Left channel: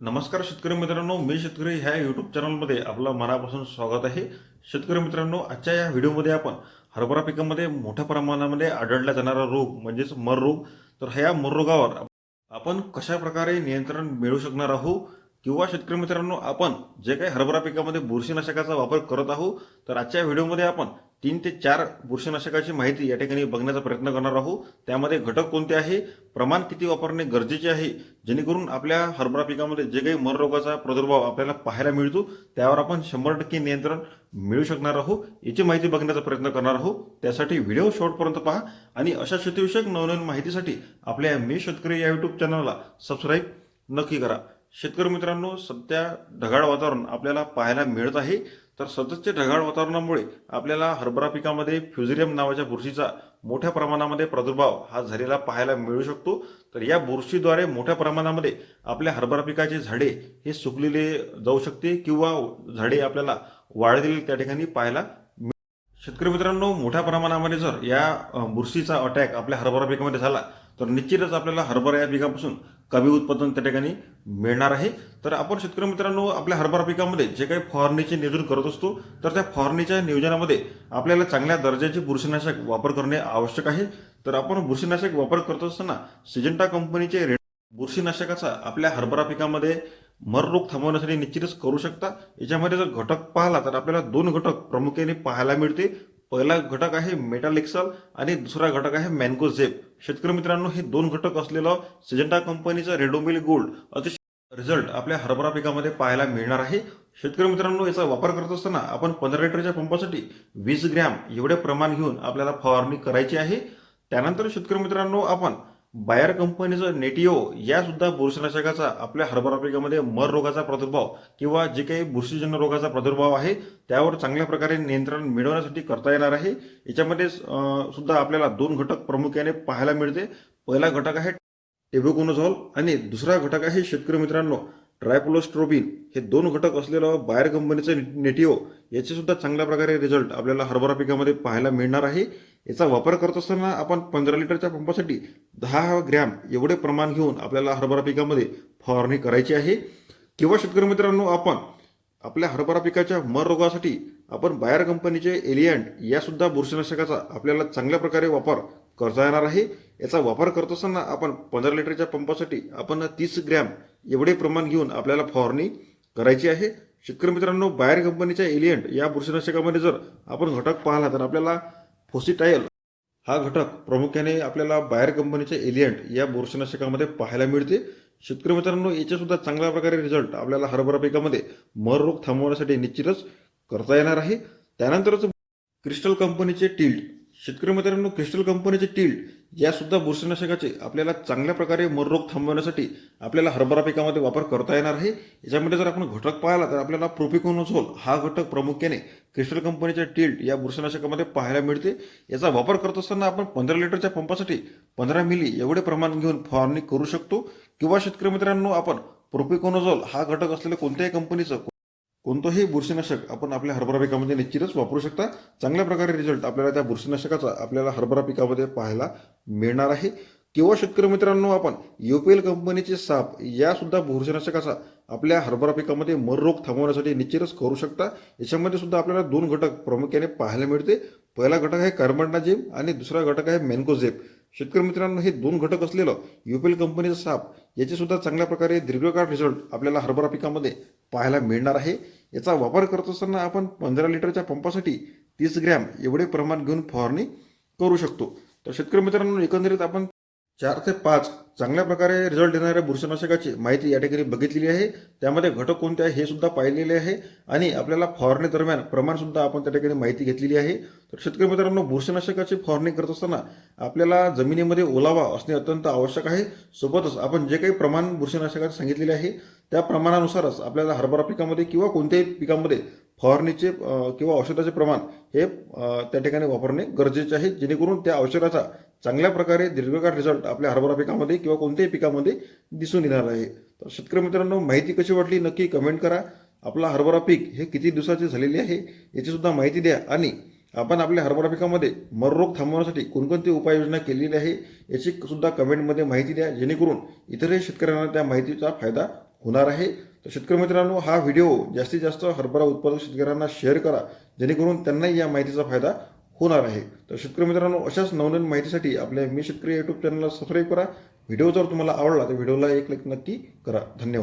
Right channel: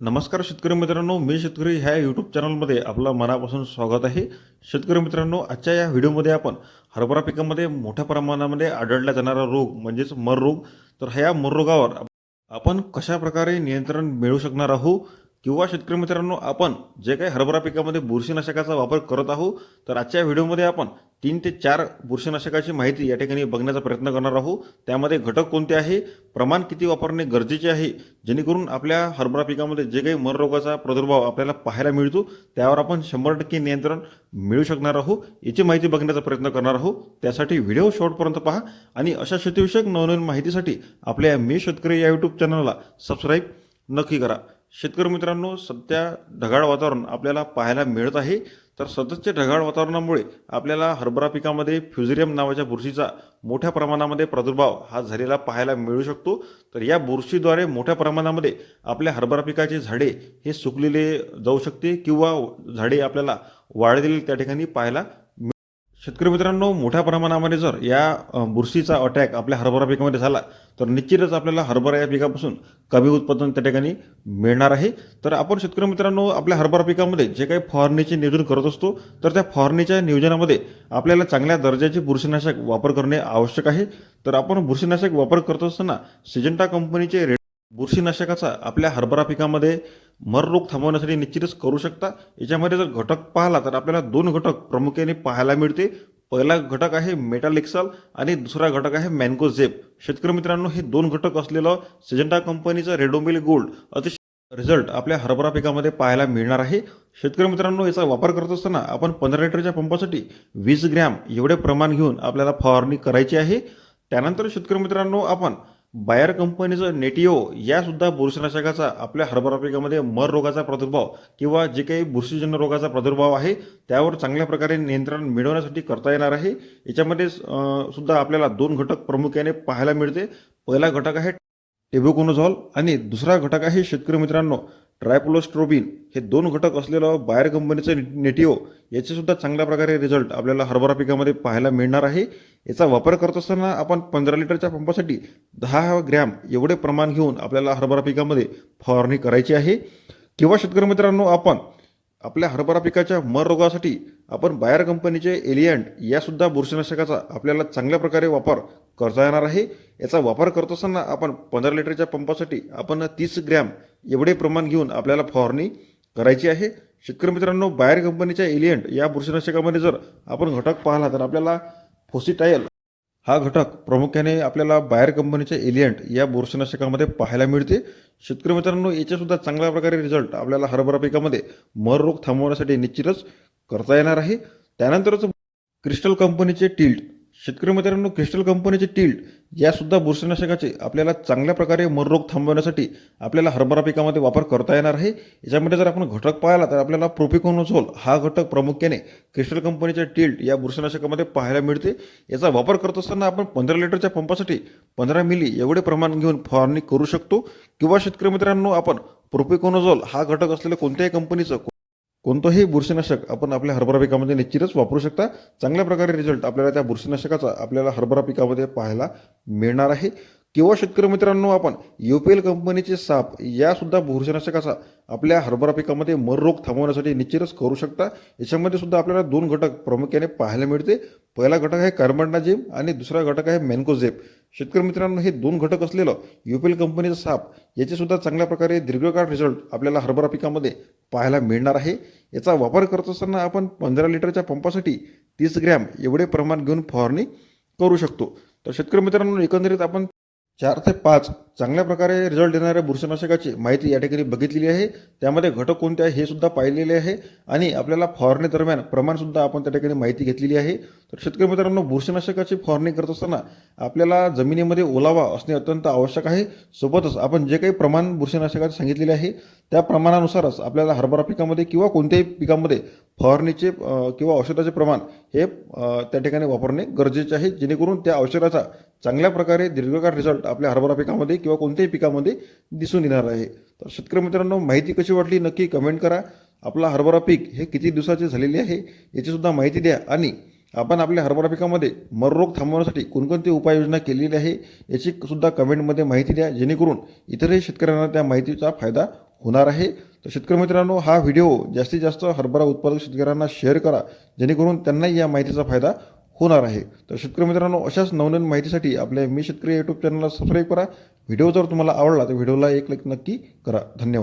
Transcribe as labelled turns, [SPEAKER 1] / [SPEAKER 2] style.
[SPEAKER 1] नमस्कार शेतकरी मित्रांनो मी शेतकरी ह्या यूट्यूब चॅनलमध्ये आपलं मनापासून स्वागत आहे. शेतकरी मित्रांनो आजच्या या व्हिडिओमध्ये आपण हरभरा पिकामध्ये मोठ्या प्रमाणामध्ये आढळला जाणारा रोग म्हणजेच मर रोग तर ह्या मर रोगावर आपण कशा प्रकारे नियंत्रण मिळवू शकणार आहोत? किंवा शेतकरी मित्रांनो आपण जे काही हरभरा पिकामध्ये बुरशीनाशकाचा वापर करत आहोत तर आजच्या व्हिडिओमध्ये आपण तीन ते चार बुरशीनाशकाची माहिती या ठिकाणी बघण्याचा प्रयत्न करणार आहोत. त्यामध्ये घटक कोणते आहे? प्रमाण किती वापरणे गरजेचे आहे? जेणेकरून आपल्या हरभरा पिकामध्ये जे काही मनरोगाचा प्रादुर्भाव आपल्याला पाहायला मिळतो त्यावर आपण शंभर टक्के नियंत्रण मिळू शकणार आहोत. याची माहिती बघण्याचा प्रयत्न करणार आहोत. त्यासाठी व्हिडिओ शॉर्टपर्यंत पहा आणि अशा शेतीविषयक नवनवीन माहितीसाठी आपल्या मी शेतकरी या यूट्यूब चॅनलला सबस्क्राईब नक्की करा. शेतकरी मित्रांनो सध्या ढगाळ वातावरण आपल्याला पाहायला मिळत आहे. तर सततच्या ढगाळ वातावरणामुळे आपल्याला हरभरा पिकामध्ये फ्युझेरियम नावाच्या बुरशीचा मोठ्या प्रमाणामध्ये प्रादुर्भाव हा झालेला पाहायला मिळू शकतो. तर या बुरशीद्वारे मोठ्या प्रमाणामध्ये आपल्या हरभरा पिकाचे झाडे हे सुकलेले जाऊ शकते किंवा झाडे आपल्याला वाळलेली त्या ठिकाणी पाहायला मिळ- शेतकरी मित्रांनो मोठ्या प्रमाणामध्ये जर या बुरशीचा अटॅक आपल्या हरभरा पिकामध्ये झाला तर निश्चितच आपल्याला हरभरा या पिकापासून कमी उत्पादन त्या ठिकाणी मिळणार आहे. तर आपण शेतकरी मित्रांनो आपल्या हरभरा पिकामध्ये जे काही फवारणीचे नियोजन करत असतो तर त्या फवारणीच्या नियोजनामध्ये आपल्याला चांगल्या दर्जाचे बुरशीनाशक वापर करणे आवश्यक आहे. तर आपण बुरशीनाशक वापर करत असताना सिजंटा कंपनीचे रे बुरशीनाशकाचा आपल्या हरभरा पिकामध्ये मर रोग थांबवण्यासाठी निश्चितच करू शकता. याच्यामध्ये जर घटक पाहिला तर आपल्याला दोन घटक प्रामुख्याने पाहायला मिळते पहिला घटक आहे मेटालिक्सल आणि दुसरा घटक आहे मॅन्कोझेप शेतकरी मित्रांनो हे दोन घटक असलेलं सिजंटा कंपनीचं रेडोमिल गोल्ड अतिशय रिझल्ट आपल्या हरभरा पिकामध्ये पाहायला मिळणार आहे. शेतकरी मित्रांनो याचा वापर करत असताना आपण पंधरा लिटरच्या पंपासाठी वीस ग्रॅम एवढे प्रमाण घेऊन आपल्याला फवारणी करायची आहे. त्यानंतर शेतकरी मित्रांनो आपण बायर कंपनीचं नेटिओ यासुद्धा बुरशीनाशकाचा आपल्या हरभरा पिकामध्ये मर रोगाचा प्रादुर्भाव किंवा जे काही बुरशीजन्य रोगाचा प्रादुर्भाव आहे त्यावर चांगल्या प्रकारे नियंत्रण मिळवण्यासाठी करता येणार आहे. याच्यामध्ये सुद्धा आपल्याला दोन घटक प्रामुख्याने पाहायला मिळते. पहिला घटक आहे टेबुकोनोझॉल आणि दुसरा घटक आहे शेतकरी मित्रांनो ट्रायपोलोस्ट्रोबिन हे दोन घटक असलेलं बायर कंपनीचं नेटिओ याचे सुद्धा चांगल्या प्रकारे रिझल्ट आपल्याला हरभरा पिकामध्ये पाहायला मिळणार आहे. याचा वापर करत असताना आपण पंधरा लिटरच्या पंपासाठी दहा ग्रॅम एवढे प्रमाण घेऊन आपल्याला हरभरा पिकामध्ये फवारणी करायची आहे. किंवा शेतकरी मित्रांनो आपण आपल्या हरभरा पिकाच्या मर रोगासाठी आपण बायर कंपनीचे एलियंट यासुद्धा बुरशीनाशकाचा आपल्याला चांगल्या प्रकारे वापर करता येणार आहे. याचा वापर करत असताना आपण पंधरा लिटरच्या पंपासाठी आपण तीस ग्रॅम एवढे प्रमाण घेऊन आपल्याला फवारणी करायची आहे. शेतकरी मित्रांनो बायर कंपनीच्या एलियंट या बुरशीनाशकामध्ये जर आपण घटक पाहिला तर आपल्याला फोसिटायल हा घटक प्रामुख्याने आपल्याला बायर कंपनीच्या एलियंट या बुरशीनाशकामध्ये पाहायला मिळते. शेतकरी मित्रांनो याच्यासुद्धा चांगल्या प्रकारे रिझल्ट आपल्याला हरभरा पिकामध्ये मर रोग थांबवण्यासाठी निश्चितच करता येणार आहे. त्यानंतरच क्रिस्टल कंपनीचे टिल्ट शेतकरी मित्रांनो क्रिस्टल कंपनीचे टिल्ट या सुद्धा बुरशीनाशकाचे आपल्याला चांगल्या प्रकारे मर रोग थांबवण्यासाठी आपल्याला हरभरा पिकामध्ये वापर करता येणार आहे. याच्यामध्ये जर आपण घटक पाहिला तर आपल्याला प्रोपिकोनोझोल हा घटक प्रामुख्याने क्रिस्टल कंपनीच्या टिल्ट या बुरशीनाशकामध्ये पाहायला मिळते. याचा वापर करत असताना आपण पंधरा लिटरच्या पंपासाठी पंधरा मिली एवढे प्रमाण घेऊन फवारणी करू शकतो. किंवा शेतकरी मित्रांनो आपण प्रोपिकोनोझोल हा घटक असलेल्या कोणत्याही कंपनीचं कोणतंही बुरशीनाशक आपण आपल्या हरभरा पिकामध्ये निश्चितच वापरू शकता. चांगल्या प्रकारे रिझल्ट आपल्याला त्या बुरशीनाशकाचा आपल्याला हरभरा पिकामध्ये पाहायला मिळणार आहे. किंवा शेतकरी मित्रांनो आपण युपीएल कंपनीचे साप यासुद्धा बुरशीनाशकाचा आपल्या हरभरा पिकामध्ये मर रोग थांबवण्यासाठी निश्चितच करू शकता. याच्यामध्ये सुद्धा आपल्याला दोन घटक प्रामुख्याने पाहायला मिळते. पहिला घटक आहे कार्बनडाजिम आणि दुसरा घटक आहे मॅन्कोझेप शेतकरी मित्रांनो हे दोन घटक असलेलं युपीएल कंपनीचं साप याचेसुद्धा चांगल्या प्रकारे दीर्घकाळ रिझल्ट आपल्याला हरभरा पिकामध्ये पाहायला मिळणार आहे. याचा वापर करत असताना आपण पंधरा लिटरच्या पंपासाठी तीस ग्रॅम एवढे प्रमाण घेऊन फवारणी करू शकतो. तर शेतकरी मित्रांनो एकंदरीत आपण चार ते पाच चांगल्या प्रकारे रिझल्ट देणाऱ्या बुरशीनाशकाची माहिती या ठिकाणी बघितलेली आहे. त्यामध्ये घटक कोणते आहे हे सुद्धा पाहिलेले आहे. आणि आपल्याला फवारणी दरम्यान प्रमाणसुद्धा आपण त्या ठिकाणी माहिती घेतलेली आहे. तर शेतकरी मित्रांनो बुरशीनाशकाची फवारणी करत असताना आपल्याला जमिनीमध्ये ओलावा असणे अत्यंत आवश्यक आहे. सोबतच आपण जे काही प्रमाण बुरशीनाशकाचे सांगितलेले आहे त्या प्रमाणानुसारच आपल्याला हरभरा पिकामध्ये किंवा कोणत्याही पिकामध्ये फवारणीचे किंवा औषधाचे प्रमाण हे त्या ठिकाणी वापरणे गरजेचे आहे जेणेकरून त्या औषधाचा चांगल्या प्रकारे दीर्घकाळ रिझल्ट आपल्या हरभरा पिकामध्ये किंवा कोणत्याही पिकामध्ये दिसून येणार आहे. तर शेतकरी मित्रांनो माहिती कशी वाटली नक्की कमेंट करा. आपला हरभरा पीक हे किती दिवसाचे झालेले आहे याची सुद्धा माहिती द्या. आणि आपण आपल्या हरभरा पिकामध्ये मररोग थांबवण्यासाठी कोणकोणती उपाययोजना केलेली आहे याची सुद्धा कमेंटमध्ये माहिती द्या. जेणेकरून इतरही शेतकऱ्यांना त्या माहितीचा फायदा होणार आहे. तर शेतकरी मित्रांनो हा व्हिडिओ जास्तीत जास्त हरभरा उत्पादक शेतकऱ्यांना शेअर करा. जेणेकरून त्यांनाही या माहितीचा फायदा होणार आहे. तर शेतकरी मित्रांनो अशाच नवनवीन माहितीसाठी आपल्या मी शेतकरी यूट्यूब चॅनलला सबस्क्राईब करा. व्हिडिओ जर तुम्हाला आवडला तर व्हिडिओला एक लाईक नक्की करा. धन्यवाद.